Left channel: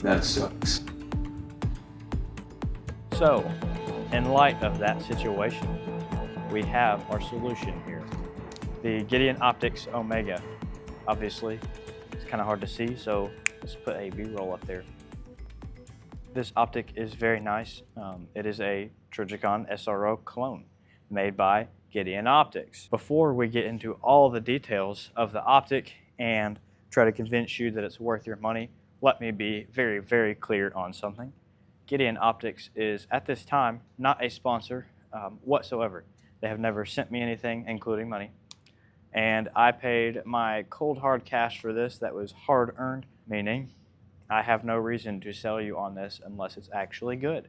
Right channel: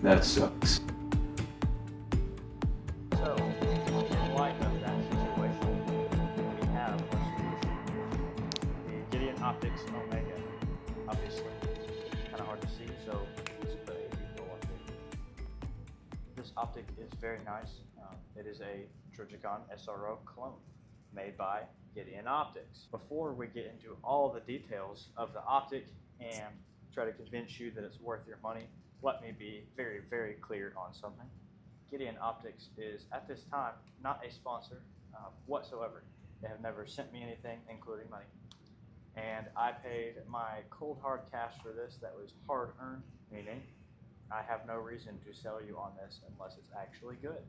That sucks. So, in light of that situation, we have our solution here. The Gideon Optics Omega. Obviously, it's kind of hard to see, so let's put a B-roll up there. This optic is very nice. It is a Trigicon SRO clone made by Gideon Optics. Before we get into all the details of the optic and try to convince you that it's worth your money, let me be very, very clear on something. Gideon Optics is, at this time, not a sponsor whatsoever. They have never sent me anything, including money. And I paid my cold hard cash for this that was hard earned, meaning I have no reason to sell you on this unless it's actually good.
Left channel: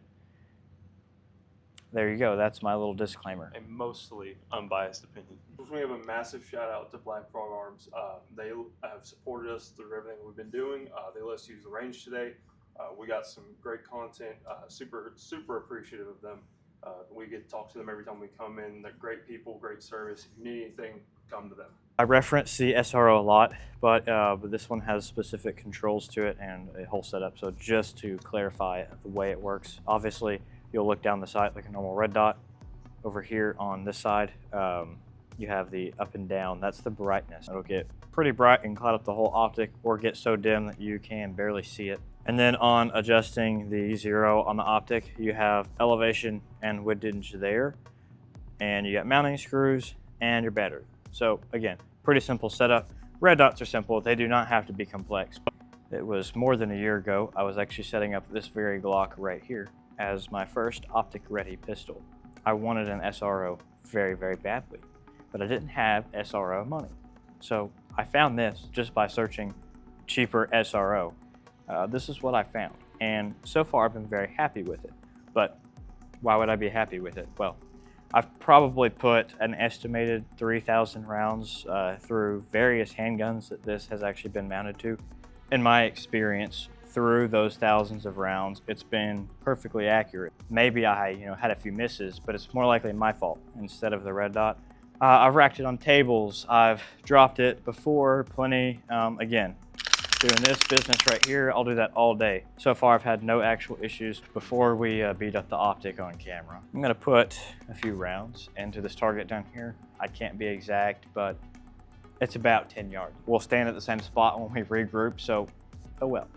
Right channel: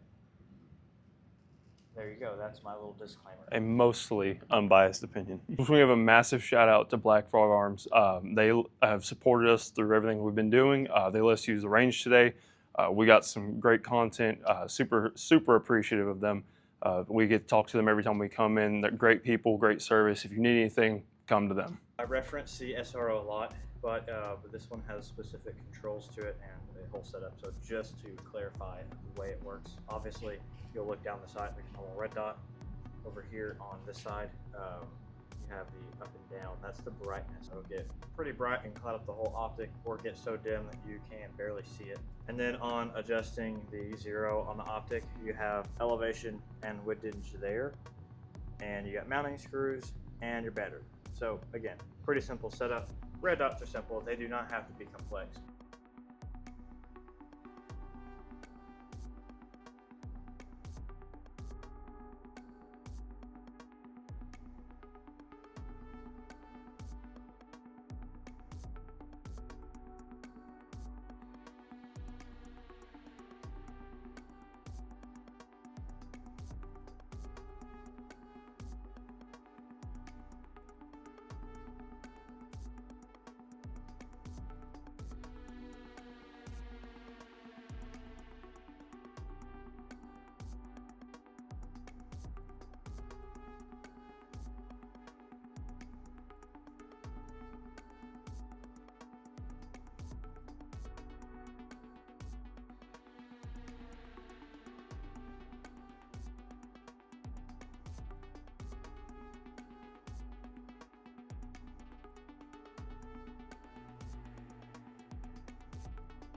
There you go, that's my little disclaimer. A mostly unbiased opinion. We have a massive shout out to Black Frog Arms. They have supported us through everything we've been doing. They let us use the range today. We got some great content, super appreciative of them. We get to talk to them every time we come in. They're great people, great service. If you need anything, come to them. I reference the SRO a lot, but this one has specific controls to it and a whole setup. So just to clarify the way it works, obviously you'll look down the sight like a normal red dot. Over here on this side, you have the up and down. That's the brightness. It'll get pretty bright and cloud up the whole optic, or get so dim that you can barely see it. And then on adjusting the 0 on the optic, you have elevation and windage there, and you got mounting screws and your battery. So again, pretty simple setup. Red dots are simple. They do not have to be complex. It was more than a year ago. I was actually setting up this very Glock right here as my first optic ready pistol. I wanted an SRO very, very badly, but I didn't have SRO money. So I found this just by searching cheaper SRO. This is what I found. And so far I've been very happy with it. But why would I be happy with it? Well, I've probably put an estimated 3,000 rounds through various handguns that this has actually been mounted to. In my experience, through those thousands of rounds, it's been perfectly accurate. Maybe I had a few misses, but it's more likely my fault instead of the red dot. I've racked it on tables. I've dropped it before, plenty. Again, doing this business right here, I'll do that all day. So far, I've had no actual issues. Before we beat up the optic on camera, I'm gonna put a few rounds into this target down here. I can't be exact, but it's about 10 yards. We'll stand at the same spot when we regroup, so oh well.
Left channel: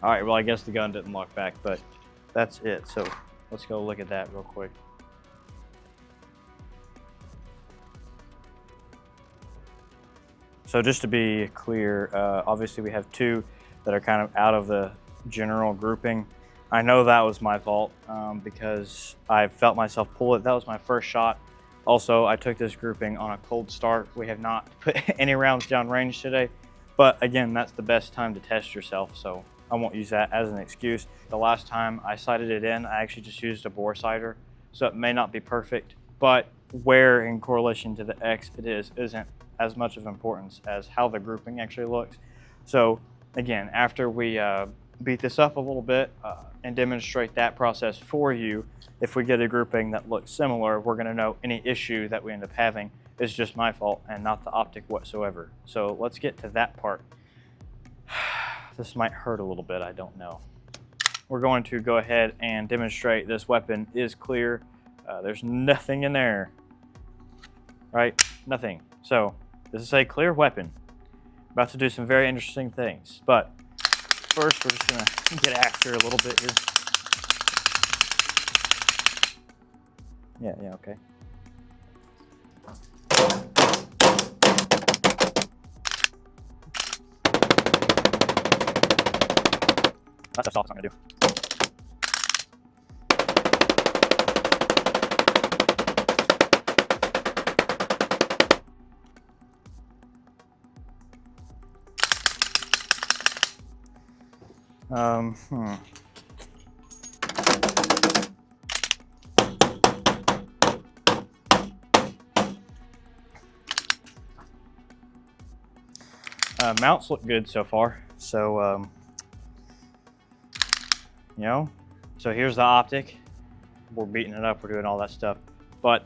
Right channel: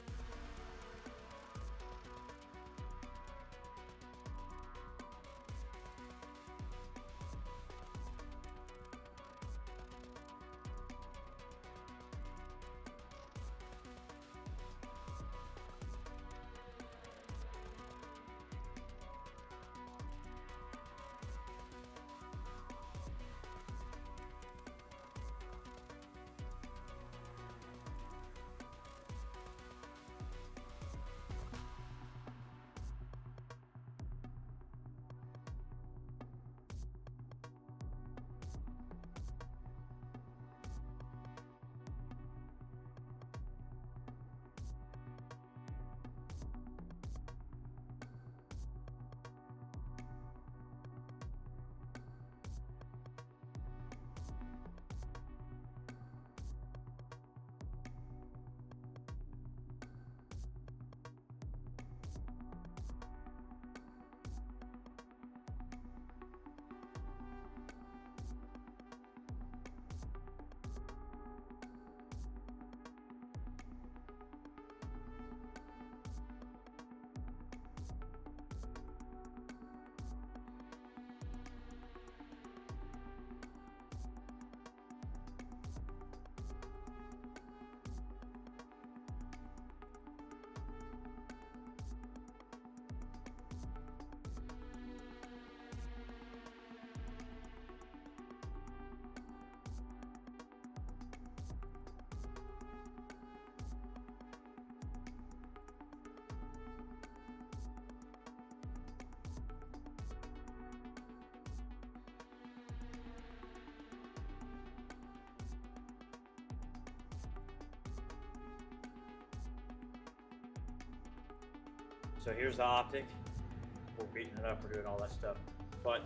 All right, well, I guess the gun didn't lock back, but that's it. So let's go look at that real quick. So just to be clear, obviously we have two that are kind of out of the general grouping. I know that was my fault because I felt myself pull it. That was my first shot. Also, I took this grouping on a cold start. We have not put any rounds down range today, but again, that's the best time to test yourself. So I won't use that as an excuse. The last time I sighted it in, I actually just used a bore sighter. So it may not be perfect, but where in correlation to the X it isn't as much of importance as how the grouping actually looks. So again, after we beat this up a little bit and demonstrate that process for you, if we get a grouping that looks similar, we're gonna know any issue that we end up having is just my fault and not the optic whatsoever. So let's get to that part. This might hurt a little bit, I don't know. We're going to go ahead and demonstrate this weapon is clear. There's nothing in there, right? Nothing. So this is a clear weapon. About to do some very interesting things, but first we're just gonna get after a little bit here. Yeah, okay. That's all I'm gonna do. Hmm. Mounts look good so far. So, you know, so here's the optic. We're beating it up, we're doing all that stuff. But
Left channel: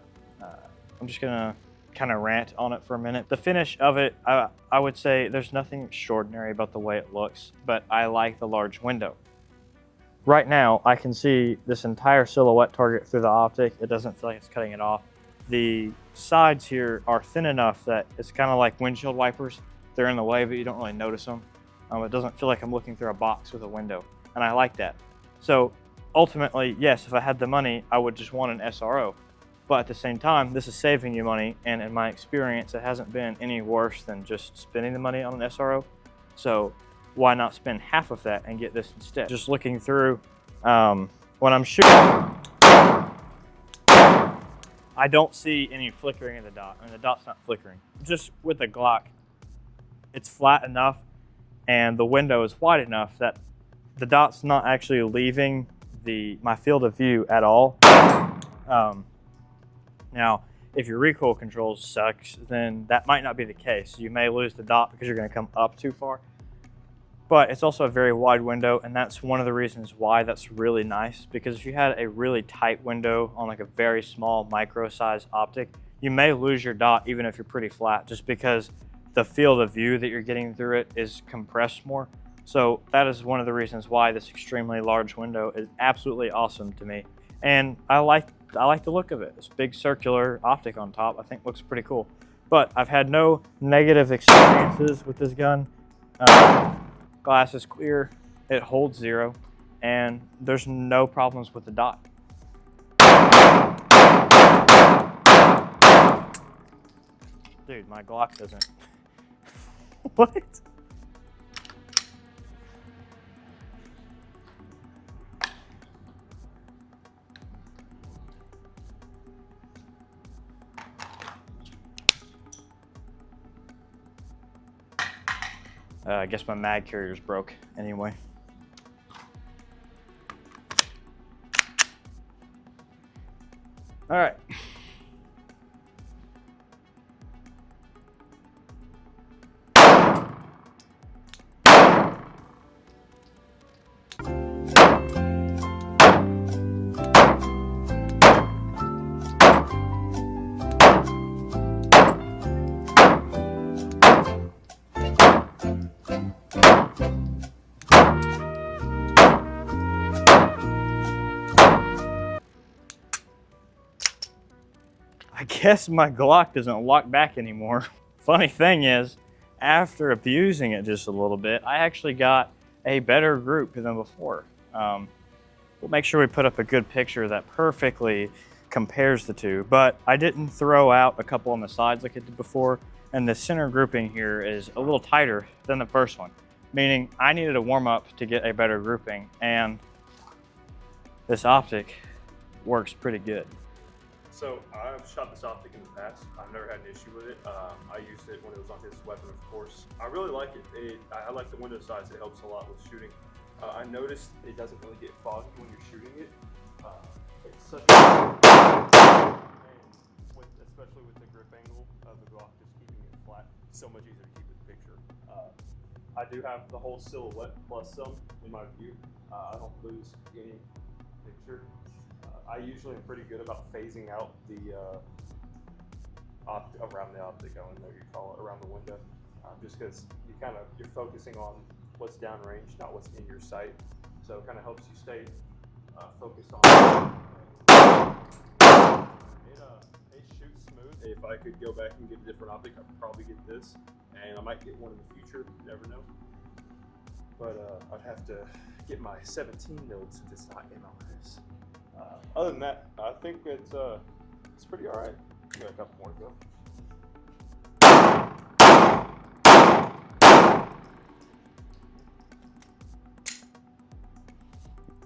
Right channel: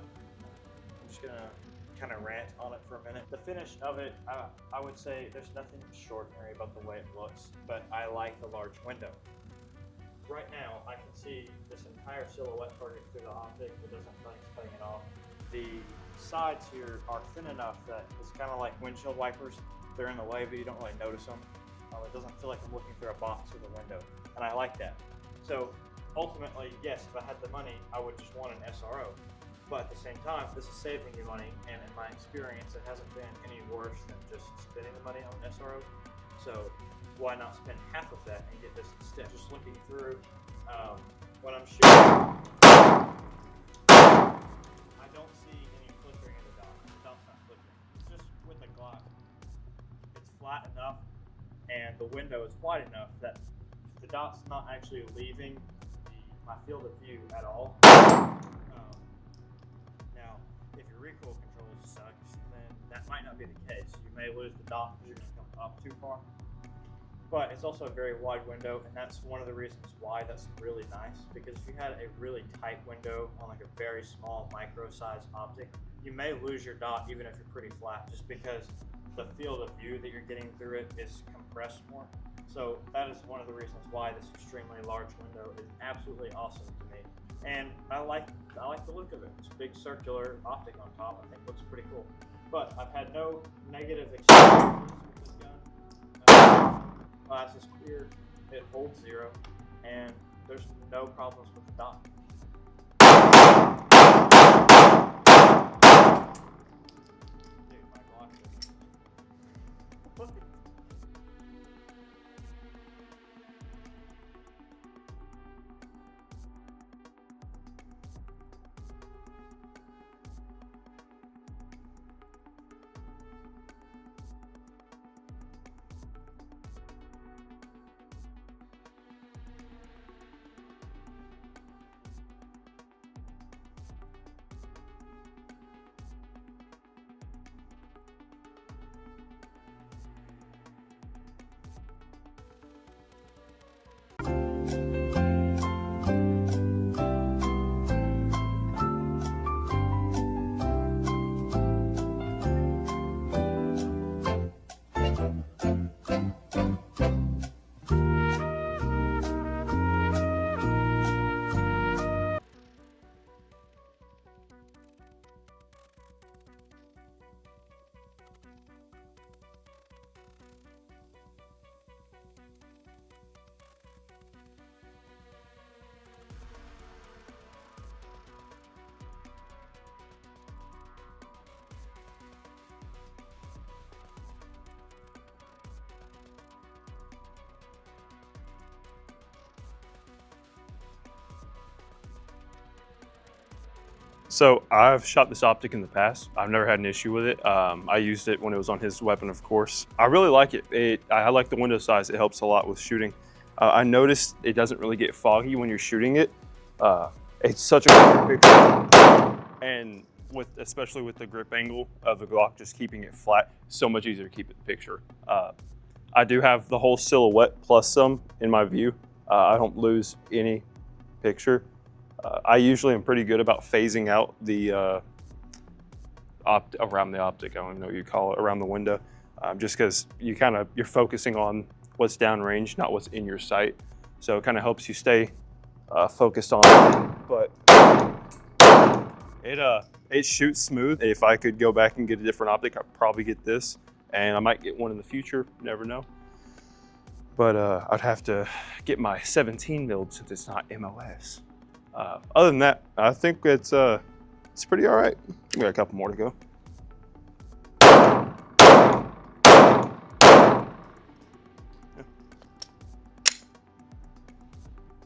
I'm just gonna kind of rant on it for a minute. The finish of it, I would say there's nothing extraordinary about the way it looks, but I like the large window. Right now, I can see this entire silhouette target through the optic. It doesn't feel like it's cutting it off. The sides here are thin enough that it's kind of like windshield wipers. They're in the way, but you don't really notice them. It doesn't feel like I'm looking through a box with a window, and I like that. So ultimately, yes, if I had the money, I would just want an SRO. But at the same time, this is saving you money, and in my experience, it hasn't been any worse than just spending the money on an SRO. So why not spend half of that and get this instead? Just looking through, when I'm shooting, I don't see any flickering of the dot, and the dot's not flickering. Just with the Glock, it's flat enough and the window is wide enough that the dot's not actually leaving my field of view at all. Now, if your recoil controls sucks, then that might not be the case. You may lose the dot because you're going to come up too far. But it's also a very wide window, and that's one of the reasons why that's really nice, because if you had a really tight window on like a very small micro size optic, you may lose your dot even if you're pretty flat, just because the field of view that you're getting through it is compressed more. So that is one of the reasons why this extremely large window is absolutely awesome to me. And I like the look of it. This big circular optic on top, I think looks pretty cool. But I've had no negative experiences with this gun. Glass is clear, it holds 0, and there's no problems with the dot. Dude, my Glock doesn't. What? I guess my mag carrier's broke anyway. All right. I guess my Glock doesn't lock back anymore. Funny thing is, after abusing it just a little bit, I actually got a better group than before. We'll make sure we put up a good picture that perfectly compares the two, but I didn't throw out a couple on the sides like I did before, and the center grouping here is a little tighter than the first one, meaning I needed a warm up to get a better grouping, and this optic works pretty good. So I've shot this optic in the past. I've never had an issue with it. I used it when it was on his weapon, of course. I really like it. I like the window size. It helps a lot with shooting. I noticed it doesn't really get foggy when you're shooting it. It's such a good picture. And especially with the grip angle of the Glock, just keeping it flat, so much easier to keep it picture. I do have the whole silhouette plus some in my view. I don't lose any picture. I usually am pretty good about phasing out the around the optic. I don't even know what you call it, around the window, just because you're focusing on what's downrange, not what's in your sight. So it kind of helps you stay focused on it. But it shoots smooth. If I could go back and get a different optic, I'd probably get this, and I might get one in the future. Never know. But I'd have to get my 17 build since it's not MOS. Other than that, I think it's pretty all right. We got a couple more to go.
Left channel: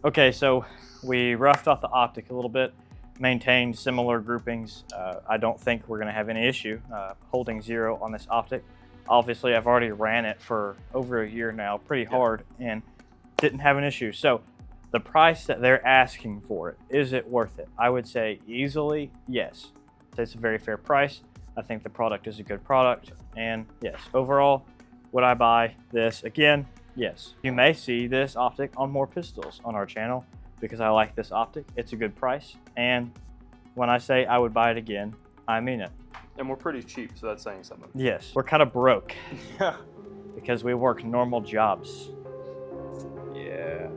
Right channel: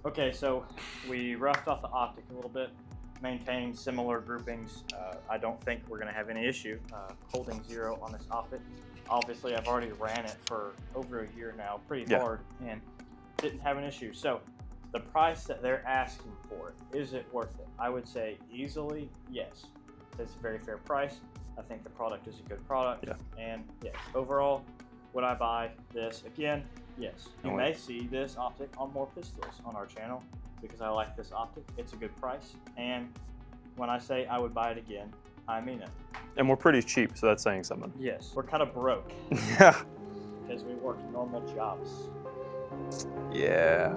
Okay, so we roughed off the optic a little bit, maintained similar groupings. I don't think we're gonna have any issue holding 0 on this optic. Obviously, I've already ran it for over a year now, pretty hard, and didn't have an issue. So the price that they're asking for it, is it worth it? I would say easily yes. It's a very fair price. I think the product is a good product. And yes, overall, would I buy this again? Yes. You may see this optic on more pistols on our channel because I like this optic. It's a good price. And when I say I would buy it again, I mean it. And we're pretty cheap, so that's saying something. Yes, we're kind of broke Yeah. because we work normal jobs. Yeah.